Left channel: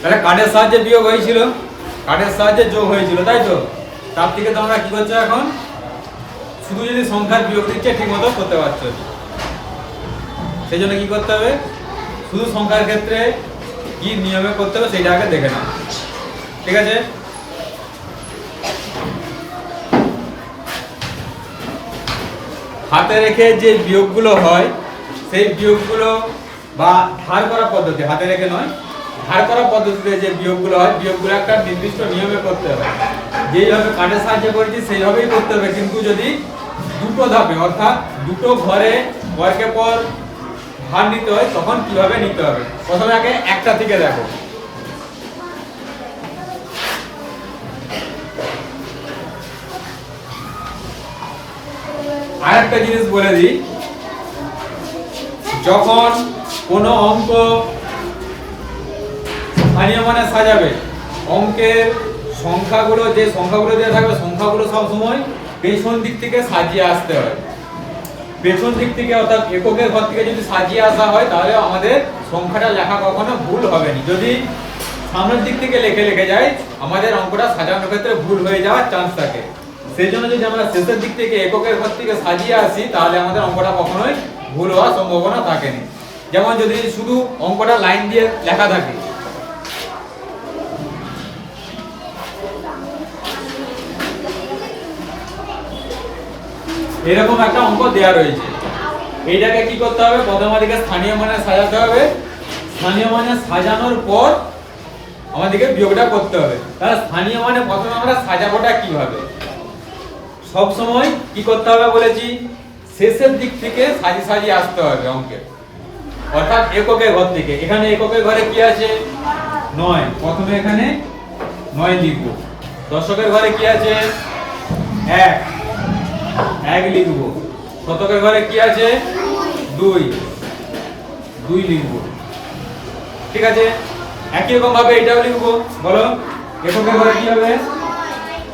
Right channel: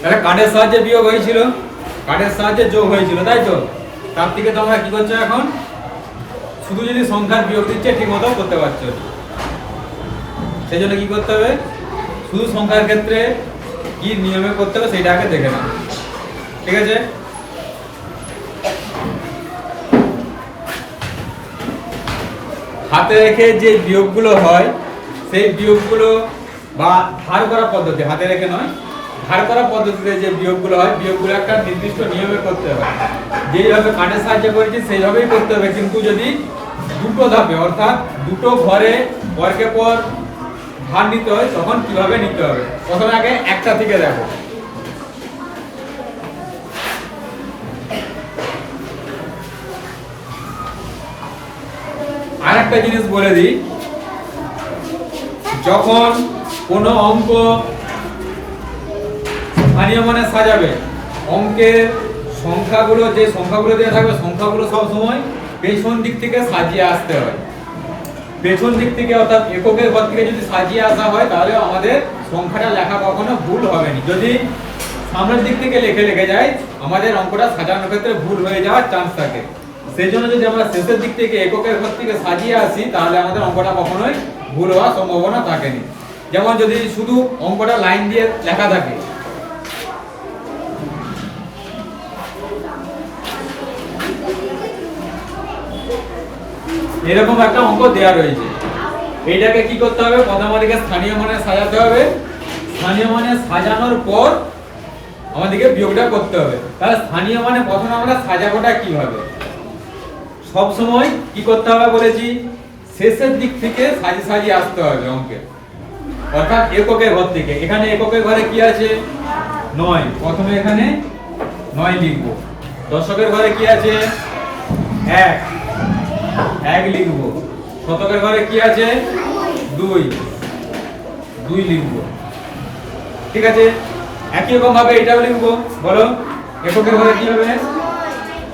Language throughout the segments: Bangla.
তাহলে কাঠের সাহায্যে বিয়োগ হয়েছিল, কাঠের সাহায্যে যোগ হয়েছিল, তাই তো? তার থেকে তোমরা কি করছো এখন? শুধু যদি সংখ্যার বিয়োগ দিচ্ছে ঠিক মতো করতে পারছো। সেই জন্য কি করতে হবে? শুধু সংখ্যার ক্ষেত্রে কি নিয়মে করতে হবে সেটা আগে দেখে নাও, ঠিক আছে? হাতে রেখে যে বিয়োগগুলো হয় সেই বিয়োগগুলো বা ধার করা পদ্ধতি, হাতে রেখে নয়, ধার করা পদ্ধতিতে যে বিয়োগগুলো হয় বিয়োগগুলো একটা নির্দিষ্ট নিয়মে করতে হবে। যেইভাবে কাঠের সাহায্যে করেছি সেইভাবেই করতে হবে, কিন্তু যদি দুটো ধাপে অর্থাৎ দুটো ঘরে পরকে পর ধার নিতে হয় তখন কিভাবে নিতে হবে। প্রথমে আগে একটা থেকে দেখো। আর একটা জিনিস বলে দিই, যখন কোনো অঙ্ক স্থানীয় মানে সাজাবে, অঙ্কের সংখ্যাগুলো যে সংখ্যাগুলো দেওয়া থাকবে সংখ্যাগুলো সব সময় পেছন দিক থেকে সাজিয়ে আসতে হয়। পেছন দিক থেকে অর্থাৎ এককের ঘর থেকে যদি সাজিয়ে আসা হয় তাহলে আমাদের সংখ্যাটা লেখা কখনো ভুল হবে না। যদি সামনের দিক থেকে লেখে যায় আমাদের অঙ্কটা সাজানোর ক্ষেত্রে ভুল হয়ে যাওয়ার চান্স থাকে। সেই জন্য যদি আমরা শেষের দিক থেকে এককের ঘর থেকে সাজিয়ে আসি তাহলে আমাদের অঙ্কটা কখনোই ভুল হওয়ার সম্ভাবনা থাকেনি। যেমন যদি শুধু অঙ্কটা লাইন দিয়ে লেখা থাকে, এরকম একটা অঙ্ক দেওয়া রয়েছে, এইটাকে কি করতে হবে? প্রথম আমাদেরকে স্থানীয় মানে সাজাতে হবে, স্থানীয় মানে সাজানোর পর আমাদেরকে বিয়োগটা করতে হবে। তাহলে স্থানীয় মানে প্রথমে আমরা সাজাবোটা কিভাবে? সব সময় কি করতে হবে বলেছি? শেষের দিক থেকে সাজিয়ে আসতে হবে অঙ্কে, অর্থাৎ এককের ঘর থেকে। এখানে এককের ঘরে কি আছে? 9, প্রথমে এখানে 9 লিখব। দশকের ঘরে কি আছে? 1 লিখব। শতকের ঘরে কি আছে? 2 লিখব, ঠিক আছে? একই রকম ভাবে এটাও লিখব। বলো এককের ঘরে কি হবে?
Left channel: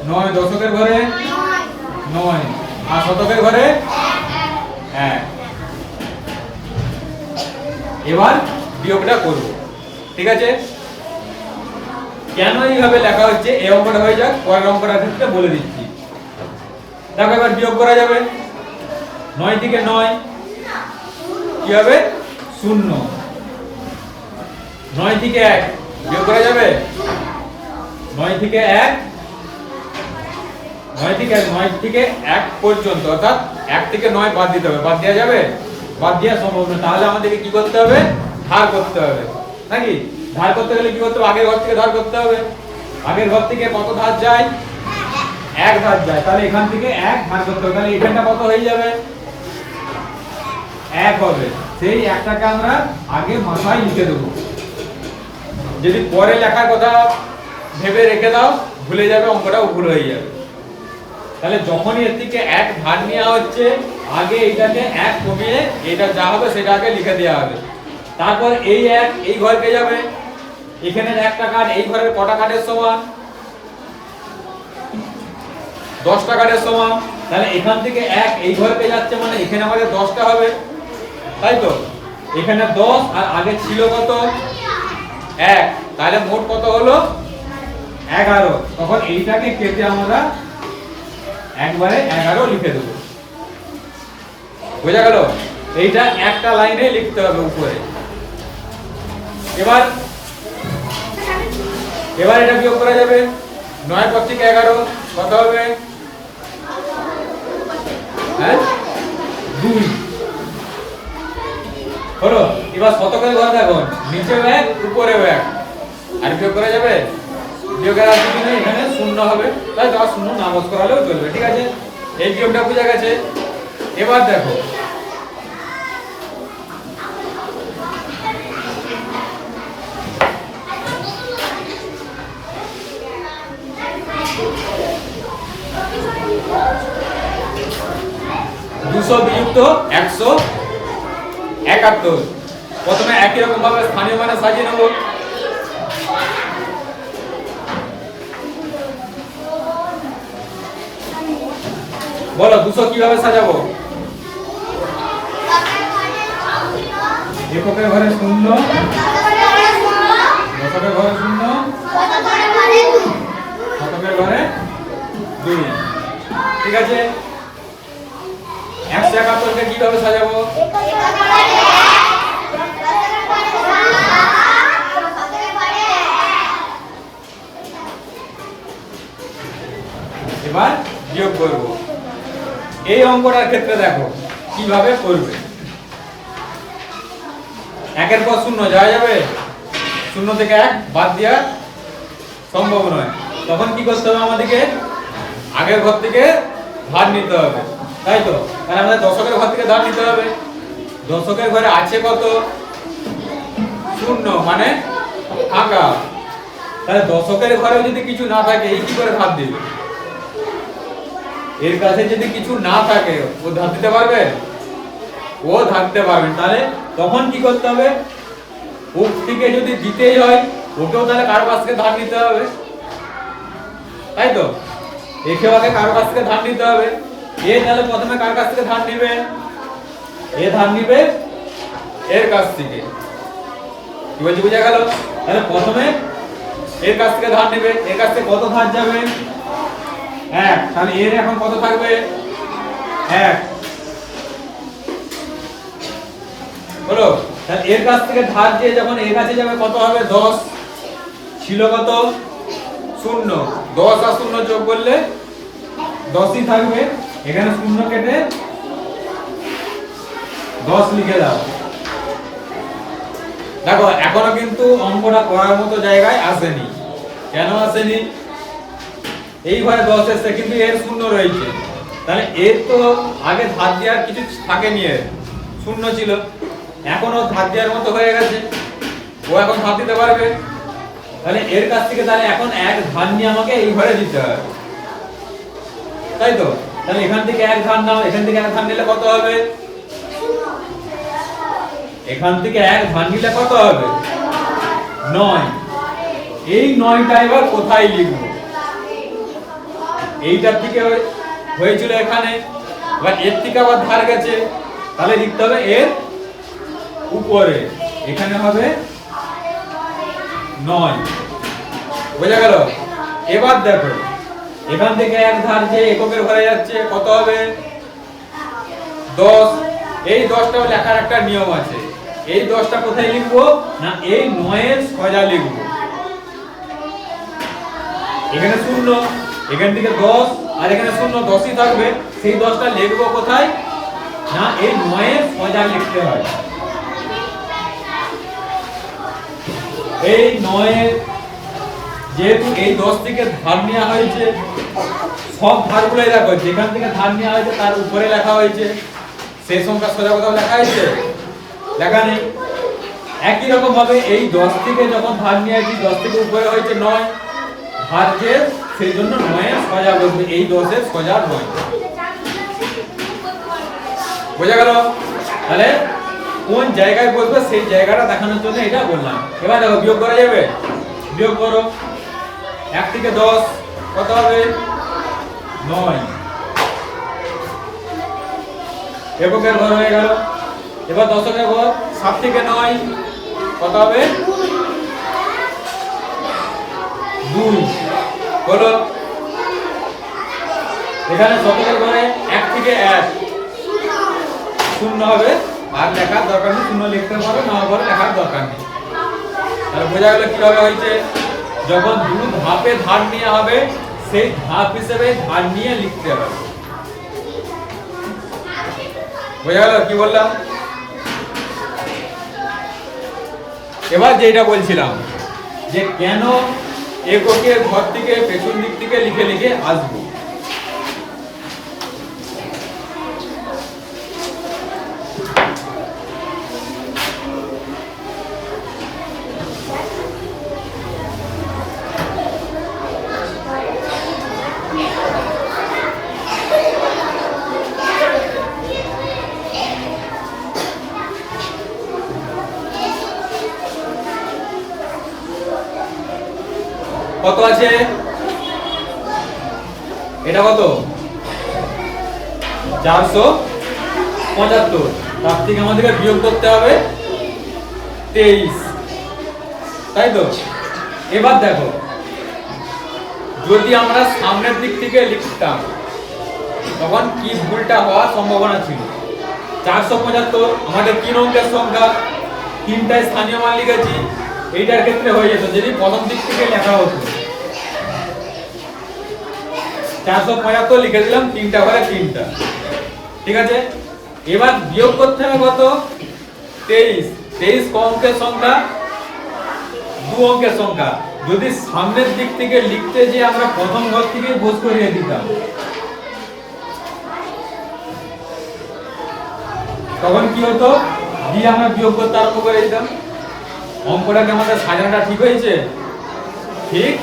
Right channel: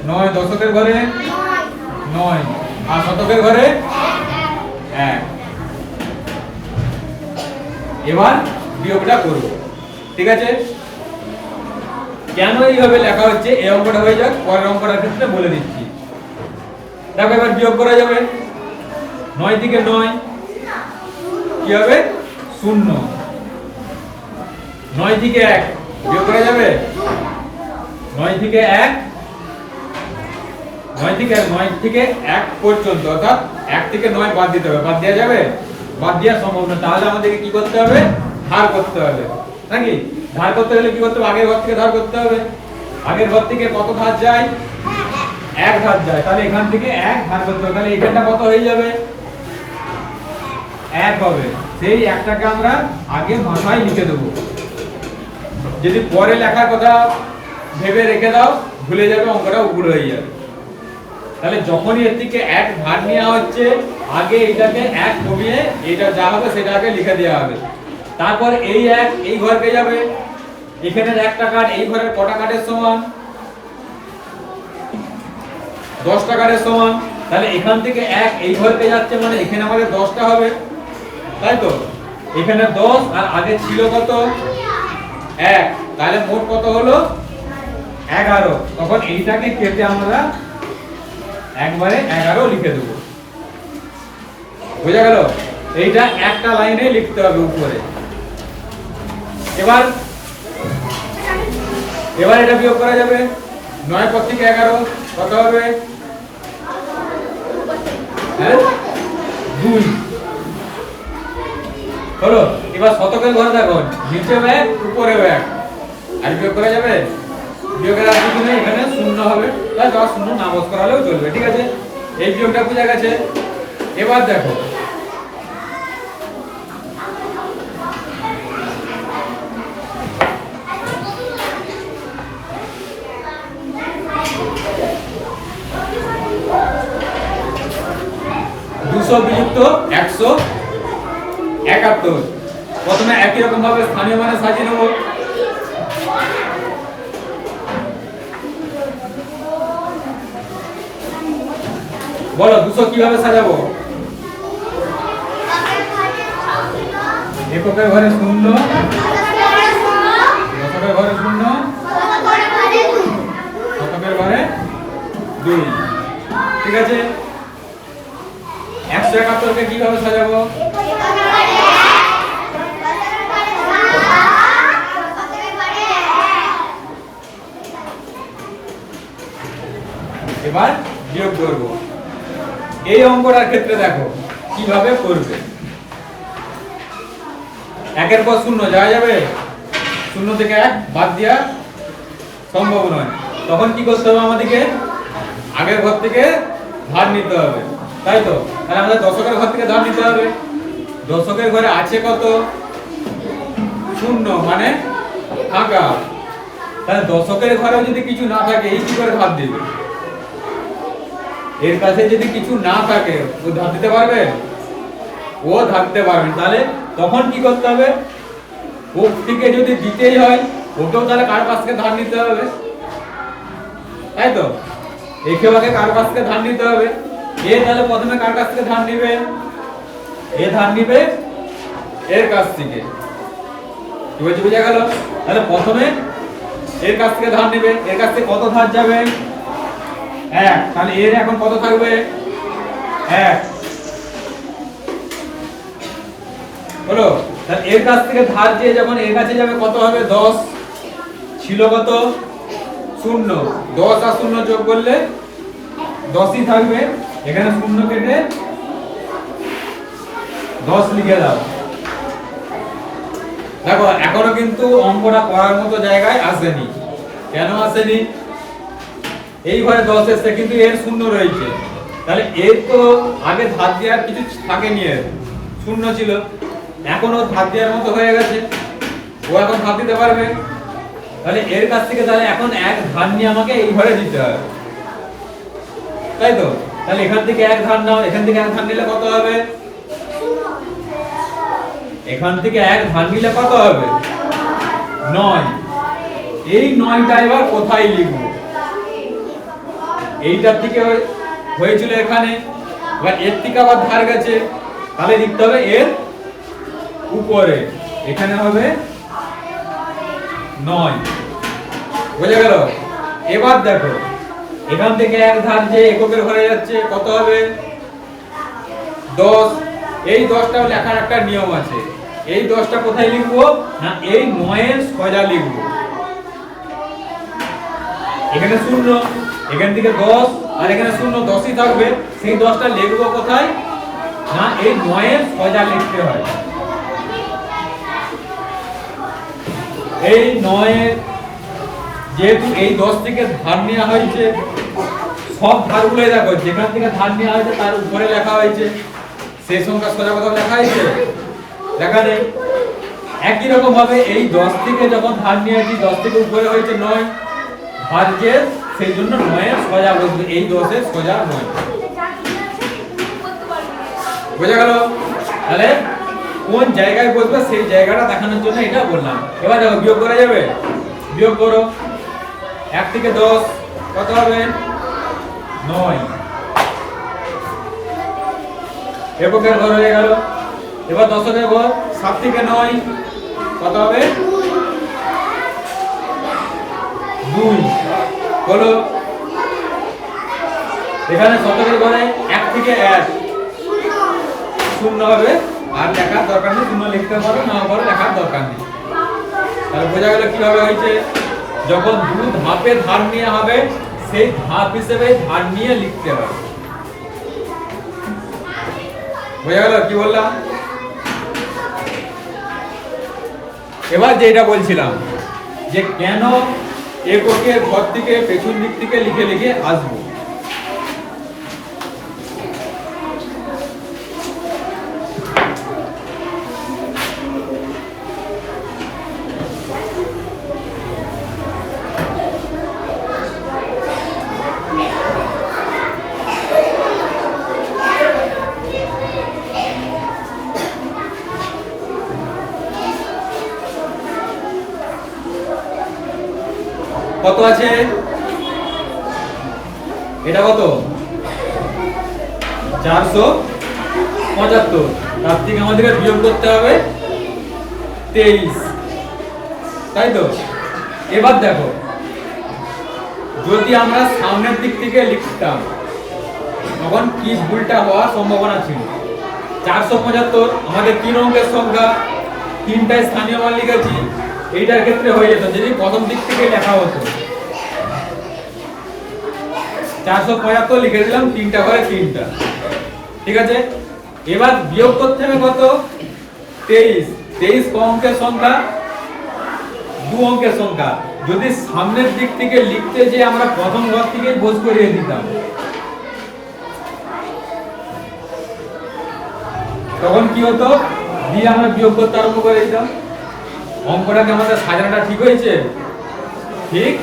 9, দশকের ঘরে 9 আর শতকের ঘরে 1। এবার বিয়োগটা করব, ঠিক আছে? কেন এইভাবে লেখা হচ্ছে এই অঙ্কটা হয়ে যাক, পরের অঙ্কটার ক্ষেত্রে বলে দিচ্ছি। দেখো এবার বিয়োগ করা যাবে। 9 থেকে 9 কি হবে? 0। 9 থেকে 1 বিয়োগ করা যাবে। 9 থেকে 1 পর্যন্ত, অর্থাৎ 1 থেকে 9 বাদ দিতে হবে। বাদ দেওয়া যাবে? বাদ দেওয়া সম্ভব না। তাহলে আমাদেরকে কি করতে হবে? ধার করতে হবে, নাকি? ধার করতে গেলে কি করতে হবে? আগের ঘর থেকে ধার করতে হবে। আগের ঘর থেকে কত ধার যায়? 1 ধার যায়। তাহলে এখান থেকে 1 ধার করতে হবে। তাহলে এখানটা কত হয়ে যাবে? 1 হবে। সেই 1টাকে আমরা আগে মাথায় লিখে দেবো। যদি পরে লেখার কথা ভেবে রেখে দাও ভুলে যাবে, অঙ্কটাও ভুল হয়ে যাবে। তাহলে যখনই এর থেকে 1 ধার নেওয়া হচ্ছে আগে এইটাকে 1 কমিয়ে এইটা যা হবে সেটা আগে লিখে দেওয়া হবে। তারপর এই 1 এই ঘরকে যাবে, এখানের 1টা কাঠ এই ঘরের কটা কাঠের সমান? 10টা কাঠের সমান। তাহলে এখান থেকে 1 এই ঘরকে যাচ্ছে মানে এখানে আমাদের 10টা হবে, তাই তো? এখানে 10 আর আগে ছিল কত? 1। তাহলে মোট কত হলো? 11। তখন এইটাকে কেটে আমরা একবারে 11 লিখে দেব। বোঝা গেল? এইটা একটা লাইনে লিখতে হবে উপরে। এবার এটা বিয়োগ করা যাবে। 9 পর থেকে 11 কত হবে? 2 হলো। এবার শতকের ঘর দেখো, নিচে 1 উপরে 1, আর বিয়োগ করা যাবে? বিয়োগের আর কিছু নেই, এখানে 0 হবে। তাই 10 0 না বস করালেও চলবে, ঠিক আছে? এই বিয়োগটা বোঝা গেছে। এবার দেখো দুশো বিযুক্ত 171। প্রথমে একই রকম ভাবে স্থানীয় মানে সাজিয়ে নেব। বলো 200 কিভাবে সাজাবো? এককের ঘরে 0, দশকের ঘরে 0 ঠিক আছে, 171কে কিভাবে সাজাবো? এবার বিয়োগ করব। এই অঙ্কটার ক্ষেত্রে দেখো কিভাবে করবে। 1-এর পর 0 যাওয়া যাবে? 0 থেকে 1 বাদ দেওয়া সম্ভব নয়। তখন কি করতে হবে? আমাদেরকে আগের ঘর থেকে ধার নিতে হবে, তাই তো? কারণ আমাদের দশকের ঘর থেকে ধার নিতে হবে। দশকের ঘরে আছে কত? 0, মানে ফাঁকা। তাহলে দশকের ঘরে যদি কিছু না থাকে, এই কি করে ধার দিবে? এর কাছে যদি কিছু না থাকে, ও ধার দিতে পারবে? ও ধার দিতে পারবে। তাহলে তখন কি করতে হবে? ও থেকে যদি দিতেই হয়, ওকেও তাহলে কারো কাছ থেকে ধার নিতে হবে, তাই তো? একেও আগে কারো কাছ থেকে ধার নিতে হবে। এ তাহলে প্রথমে কার কাছ থেকে ধার নিবে? এ ধার নিবে এর কাছ থেকে। কি বলছি, বুঝা গেল? তাহলে প্রথমে এর কাছ থেকে ধার নিবে। এর কাছ থেকে কত ধার যাবে? 1। তাহলে এর এখন কত থাকবে? 1 হলো। তাহলে এর কাছ থেকে ধার দিয়ে যখন এর কাছে যাবে কত হবে? 10 ছিল কত? 0। 10 আর 0 যোগ করলে 10ই থাকবে। এখানে 0 কেটে 10 লিখে দাও। দেখো এখনো কিন্তু অঙ্কটা করার মতো জায়গায় আসেনি। কেন আসেনি? এই ঘরে 10 এসেছে, কিন্তু এর 0 রয়েছে। তাহলে এর তো আগে ধার দেওয়ার কিছু থাকেনি, এর 0 ছিল। এখন ও ধার দেওয়ার মতো হয়ে গেছে, ও এখন ধার দিতে পারবে। তাহলে এর কাছ থেকে তাহলে এখন 1 ধার নিয়ে আমাকে এই ঘরে দিতে হবে, তাই তো? তাহলে এখান থেকে 1 ধার নাও। এখান থেকে 1 ধার নিলে কত হবে? এখান থেকে 1 ধার নিলে কত হবে? 9। এই 9টা এবার কোথায় লিখব? এইটার থেকে হয়েছিল এখানে, এবার এর থেকে আবার ধার গেছে, তাহলে লিখতে হবে এর উপরে। এখানে হবে 9। বুঝা গেল? এবার দেখো এখান থেকে 1 ধার যে এককের ঘরে যাচ্ছে, কত হবে? 10। এই 10টাও লেখার একটা নিয়ম আছে। এই 10টা কোথায় লিখবো? না, এই 9 এর সোজা লিখবো। এখানে 0, এখান থেকে 10, আর এখানে 0, 10ই থাকবে। সেই 10টা লিখবো কোথায়? না, এই 9 এর সোজা লিখতে হয়। এই 9 যেহেতু এই 10 থেকে ধার নেওয়া হয়েছে, সব ধারগুলোই দেখো যেখান থেকে ধার নেওয়া হয়েছে তার উপরে লেখা হয়েছে। সেই সংখ্যা সোজা কোথাও লেখা হয়েছে? লেখা নেই। একই রকম ভাবে এই 10 থেকে যখন ধার নিয়েছি, 10 থেকে উপরে হয়েছে 9 ভাজ্যের, সেই জন্য 9 এর সোজা বসবে। এই 10 এর সোজা 9। বুঝা গেল? তাহলে কোন জায়গায় বসবে সেই জায়গাটা দেখানোর জন্য এটা বললাম। এবার দেখো বিয়োগ করা যাবে? বিয়োগ করো। 1 থেকে 10 কত হবে? 9। এককের ঘর হয়ে গেল। এবার দশকের ঘর। 7 থেকে 9 কত হবে? 2 হলো। এখানে শতকের ঘরে 1 থেকে 1 0 হবে, আর লেখার দরকার নেই। 0 লিখতে পারো, না পারো, লেখার দরকার নেই। তাহলে বোঝা গেল কিভাবে হয়েছে। যখন 2 ধাপে ধার নেওয়া হবে, সেই ধাপ হিসেবে ধার নিয়ে লিখতে হবে। বোঝা গেল কি বললাম? এবার যেটা বলছিলাম যে কেন এককের ঘর থেকে পেছন দিক থেকে লিখে লিখে আসবো। কত আছে? এটা কত? 475। তার থেকে আমাদেরকে বিয়োগ করতে হবে 23, তাই তো? এবার দেখো যদি আমরা সামনের দিক থেকে লিখতাম, তখন কি ভুলটা হওয়ার সম্ভাবনা ছিল। 475 আমাদের 3 অঙ্কের সংখ্যা, 3টায় স্থানীয় মান লিখেছি, এইটার ক্ষেত্রে হয়ে যেত যদি প্রথম দিক থেকে লেখা হতো 475 লিখে দিলাম 3টা করে 3টা, ঠিক আছে। এবার বিয়োগ করতে হবে কত? 23। 23 ক অঙ্কের সংখ্যা? 2 অঙ্কের সংখ্যা। যদি সামনের দিক থেকে লিখতে যে আমরা প্রথম ঘর থেকে বোঝ করিয়ে দিতাম, তখন কি হতো? দিয়ে আমরা বিয়োগ করতে আরম্ভ করে দিতাম। অঙ্কটাকে আমাদের সাজানোটা ঠিক হয়েছে? ঠিক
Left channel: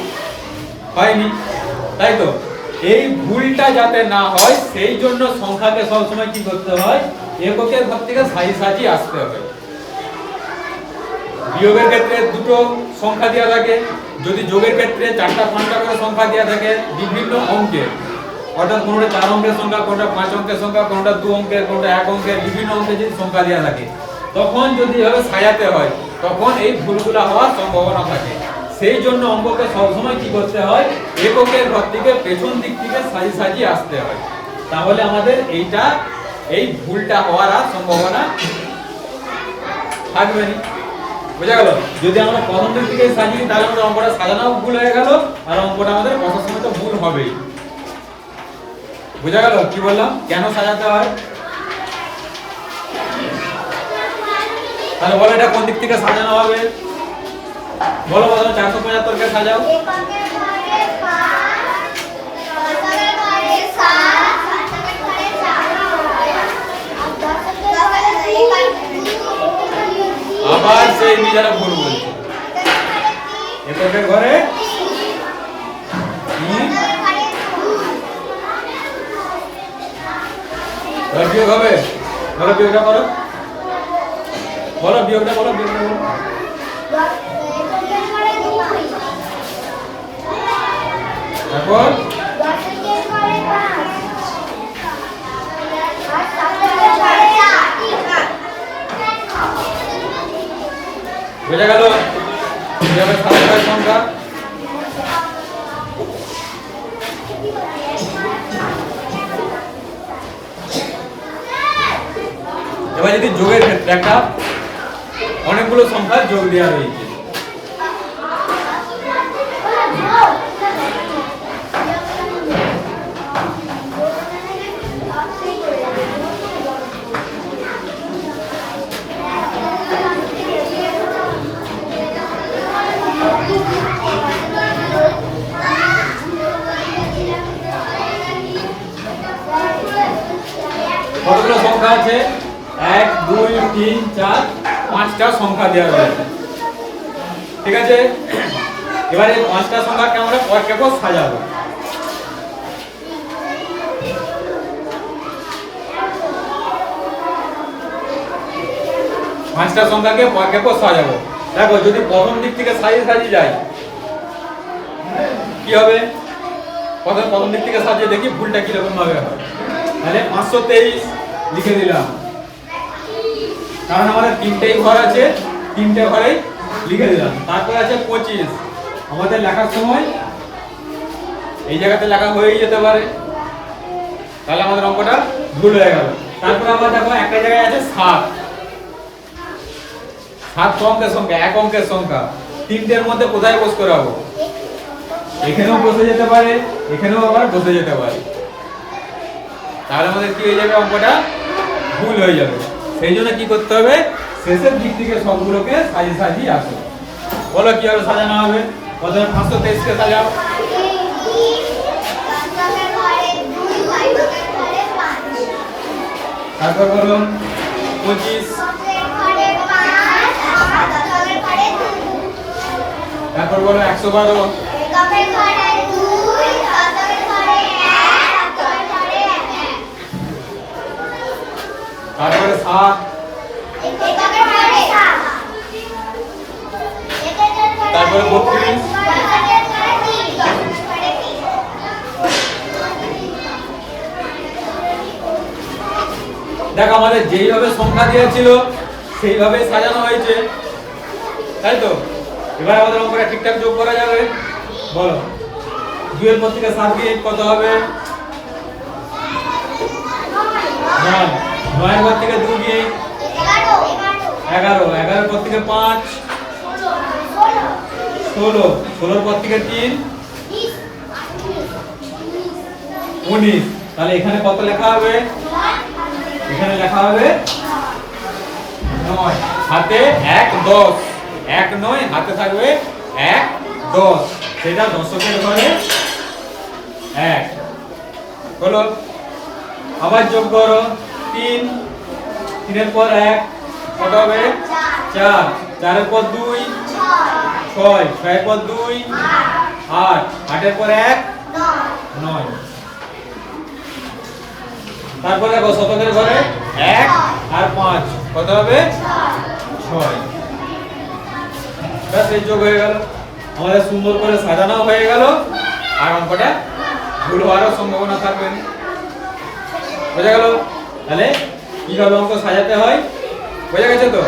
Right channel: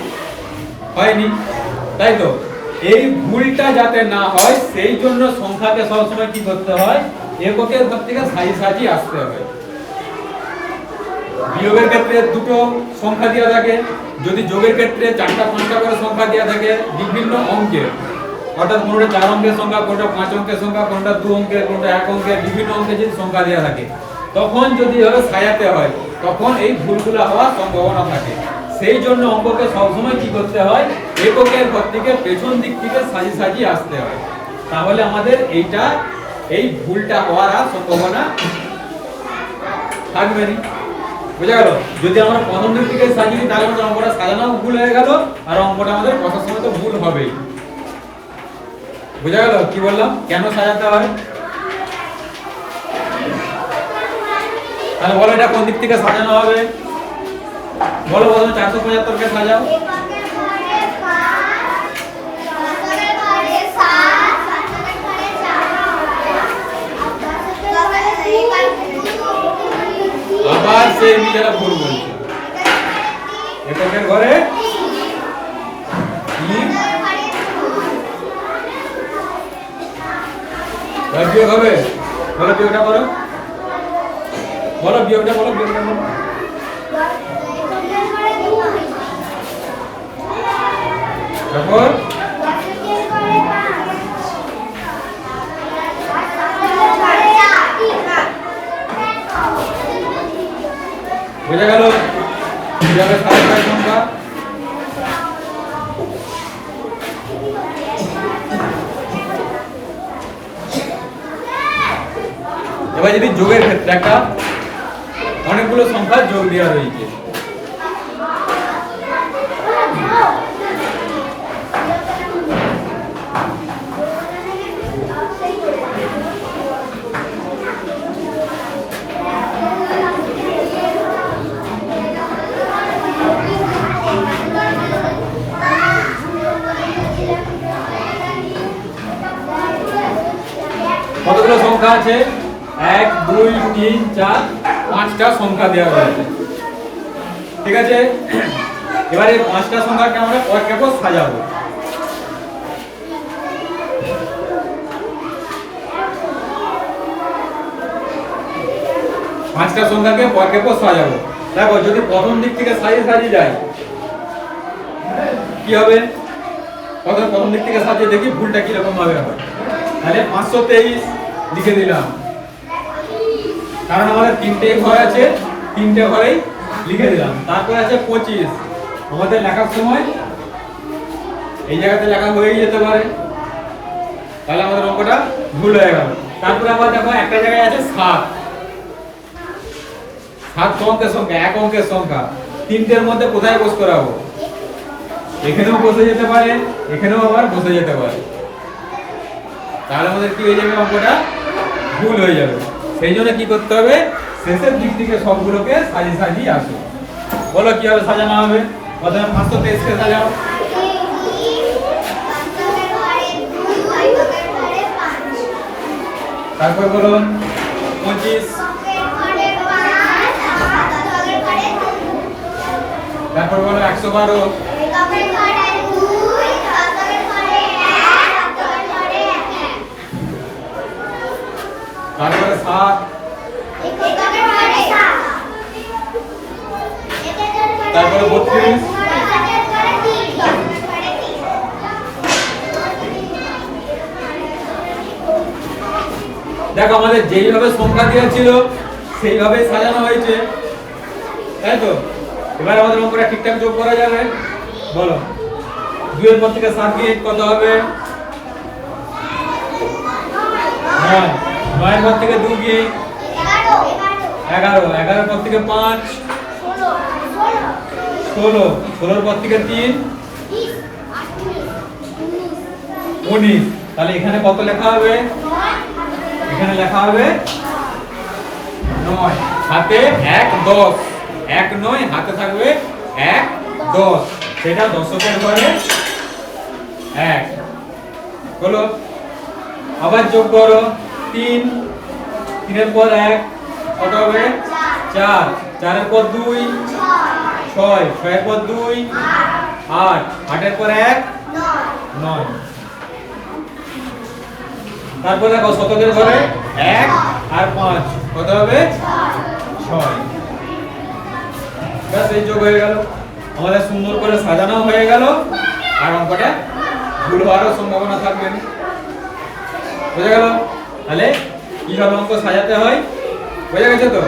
হয়নি, তাই তো? এই ভুলটা যাতে না হয় সেই জন্য সংখ্যাকে সবসময় কি করতে হয়? এককের ঘর থেকে সাজি সাজি আসতে হয়। বিয়োগের ক্ষেত্রে দুটো সংখ্যা দেওয়া থাকে, যদি যোগের ক্ষেত্রে 4টা 5টা করে সংখ্যা দেওয়া থাকে বিভিন্ন অঙ্কের, অর্থাৎ কোনোটা 4 অঙ্কের সংখ্যা, কোনোটা 5 অঙ্কের সংখ্যা, কোনোটা 2 অঙ্কের, কোনোটা 1 অঙ্কের, বিভিন্ন অঙ্কের যদি সংখ্যা দেওয়া থাকে, তখন যদি হলো সাজাতে হয় তখন এই ভুলগুলো হওয়ার সম্ভাবনা থাকে। সেই জন্য অঙ্ককে সবসময় কি করতে হয়? এককের ঘর থেকে পেছন দিক থেকে সাজি সাজি আসতে হয়, তাহলে আমাদের এই ভুলটা হওয়ার আর সম্ভাবনা থাকবে না। বুঝা গেল? যদি আমরা প্রথম দিক থেকে সাজিয়ে তাহলে আমাদের অঙ্কটা সাজানো ভুল হয়ে গেল, আর অঙ্কটা আমাদের বসার সময় তো ভুল হবেই। বুঝা গেল কি বললাম? কেন সাজাতে হয়? তাহলে বলো এটা কোন দিক থেকে সাজানো হবে? বলো বলো 475 কে সাজাও। আবার সেই নিজেরা ভুল বলছে। এটার ঘরে বিয়োগ হবে। বলো বিয়োগটা করো, বলো বিয়োগটা করো, বিয়োগটা করো। তারপর বোঝা গেল কিভাবে সাজাতে হয় সংখ্যা? এবার যদি যোগের ক্ষেত্রে একটা অনেকগুলো সংখ্যা যোগ দেওয়া রয়েছে, কতগুলো সংখ্যা আছে? 1 2 3 4 5টা সংখ্যা দেওয়া রয়েছে, ঠিক আছে। এবারে 5টা সংখ্যাকে আমরা পরপর সাজাবো। পাঁচটা সংখ্যাকে পরপর সাজাবো। দেখো যদি প্রথম দিক থেকে সাজিয়ে যায় কি হবে? প্রথম দিক থেকে সাজিয়ে দেখি ভুলটা কিরকম ভাবে হয়। তাহলে 523 লিখে দিলাম, কারণ আমাদের 3টেই ঘর আছে, 3টে ঘরেই লিখে দিলাম। তারপর আছে 25, আমাদের লেখার সময় এই জায়গাতে লেখা হয়েই যেতে পারে, তাহলে আমাদের অঙ্কটা ভুল হয়ে গেল। তারপরে আবার দেখো একটা জায়গায় আছে 7, 7 অঙ্কের সংখ্যা, 1 অঙ্কের সংখ্যা, 3টের মধ্যে কোথায় বস করাবো? এখানেও বসে যেতে পারে, এখানেও আবার বসে যেতে পারে, তাহলে আমাদের কি হয়ে যাবে? অঙ্কটা ভুল হয়ে যাবে। সেই জন্য কি করতে হবে? শেষের দিক থেকে সবগুলোকে সাজিয়ে আসো। বলো কিভাবে সাজানো হবে? প্রথমে 523 কে সাজাও। তারপর বলো 25, তারপর বলো 112, তারপরে 7, তারপরে 32, দেখো আমাদের যেইভাবে সংখ্যা দেওয়া ছিল সেইভাবে সাজানো হয়েছে, তাই তো? এবার আমাদের অঙ্কটা ঠিকঠাক যোগ করা যাবে। বলো 2 এর পর থেকে 7 দিয়ে কত হবে? নয়, নয়ের পর থেকে 2 কি 11, 11 পর থেকে 5 16, 16 পর থেকে 3 19। তাহলে এখানে কত লেখা হবে? এখানে লেখা হবে 9, হাতে 1 10, 1 9 হাতে থাকবে 1 10, সেটা দশকের ঘরে 1 হলো। আবার যোগ করো 3, 3 এর পর 1 কত হবে? 4, 4 এর পর 2 6, 6 এর পর 2 8, 8 এর পর 1 9। তারপর দেখো শতকের ঘরে 1 আর 5 কত হবে? 6। ব্যাস এই যোগ হয়ে গেল, আমাদের সুন্দর করে সাজানো হয়ে গেল, আর অঙ্কটা ভুল হওয়ারও সম্ভাবনা থাকবে না। বোঝা গেল? তাহলে কিভাবে অঙ্ক সাজাতে হয় বোঝা গেছে তো?